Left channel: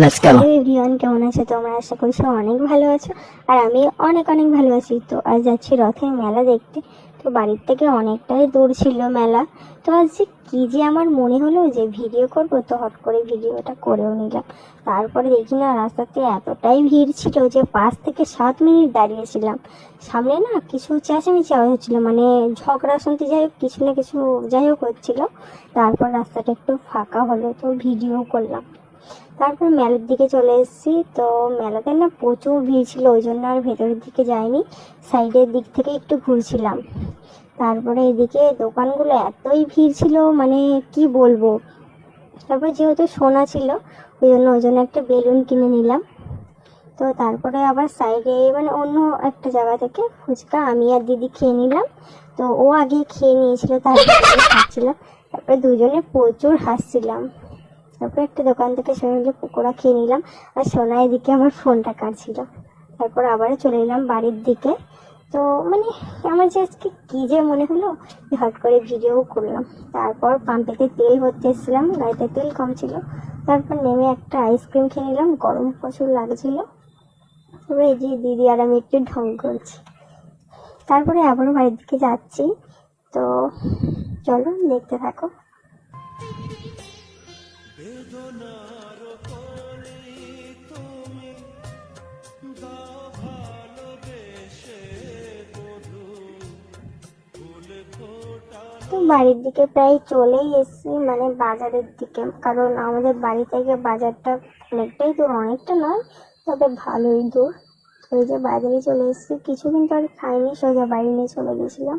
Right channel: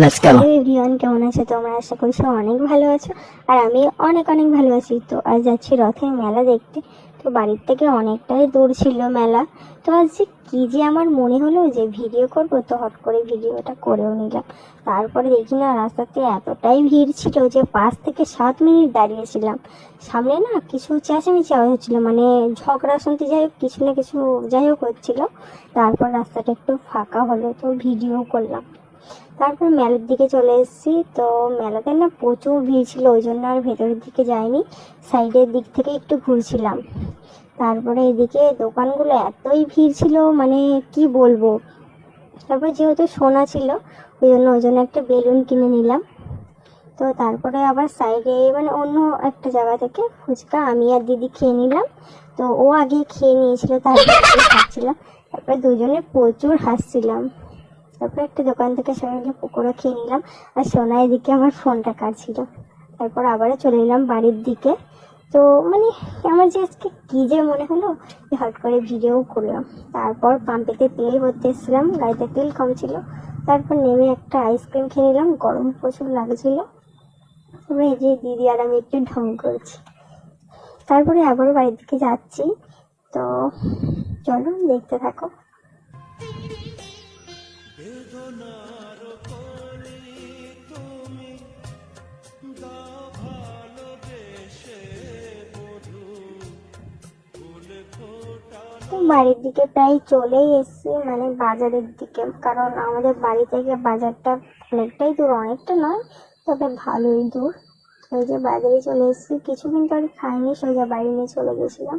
Let's go. Hello everyone, কেমন আছো তোমরা? আশা করছি অনেক ভালো আছো। আর আমি অনেক অনেক ভালো আছি। তো আজ যাচ্ছি রথের মেলা দেখতে। তো বাড়ির থেকে অনেকটাই দূর ছিল মেলা। তো আজ যে কী যে আমার মনে হলো যে ভিডিও করবো, তো হট করে ভিডিওটা করেও নিলাম। তারপরে দেখি না, রাস্তাতে এতটাই ভিড় ছিল যে 5 থেকে 7 মিনিট দাঁড়িয়েছিলাম। সামনে না কিছু চেঁচামেচি আওয়াজ হচ্ছিলো, মানে ঝগড়া শুনতে, যাই হোক কিছু না কিছু যাই হোক হচ্ছিল। তারপর রাস্তাটা একটু ফাঁকা হলো, তো ভিডিও করলাম। তারপর মেলার দিকে চলে এসেছি। তো মেলাতে না প্রচুর ভিড় ছিল, ওই জন্য আর ভেতরের দিকে যাইনি, সাইডের দিক থেকে একটু ঘুরছিলাম। তারপরে এদিকে দোকানগুলো এতই ভিড় ছিল, মানে কি বলবো। তারপরে যেহেতু সোনা ছিল, ওই জন্য একটা বেলুন কিনে নিলাম। তো তারপরে আবার সাইডে মানে অন্য একটা জায়গা থেকে ফুচকা আমি আর দিদি খেয়ে নিলাম। তো ও আগে খেয়ে নিয়েছিল, তারপরে খাচ্ছিলাম। তারপরে দুজনে প্রচুর হাসছিলাম। তারপর একটা দোকান থেকে সবাই মিলে পকোড়া খেয়ে নিলাম। আর সোনা এদিকে আমার ফোনটা কাটছিল। তারপর আবারও চলে এলাম বাড়ির দিকে। তো মানে আমার যে আজকে কী যে মনে হলো, হট করে ভিডিও করলাম। তারপর পাম্পেতে তেল ভরতে এসেছিলাম, গাড়িতে তেল কম ছিল। তারপর নেমে একটা আইসক্রিম খেয়ে নিলাম, গরম প্রচুর লাগছিল। তবে এই যে দিদি আর আমি একটু ঢং করছি। তারপরে আবারও বাড়ির দিকে যাচ্ছি। তো চলো দেখতে থাকো। বেদনার কলি তুমি দাও ভালোবেসে বধু ফুল তো ফোটানো। বাড়ির দিকে প্রায় চলেই এসেছি, মানে বাজারের দিকে, কারণ আমাদের বাড়ি থেকে বাজারটা অনেকটাই দূর, অনেকটা নয় তবে ভালোই দূর। তো এই যে বাজারে চলে এসেছি, কিছুদিন পরে খাইনি, সোজা বাড়ি নিয়ে চলে গেছিলাম।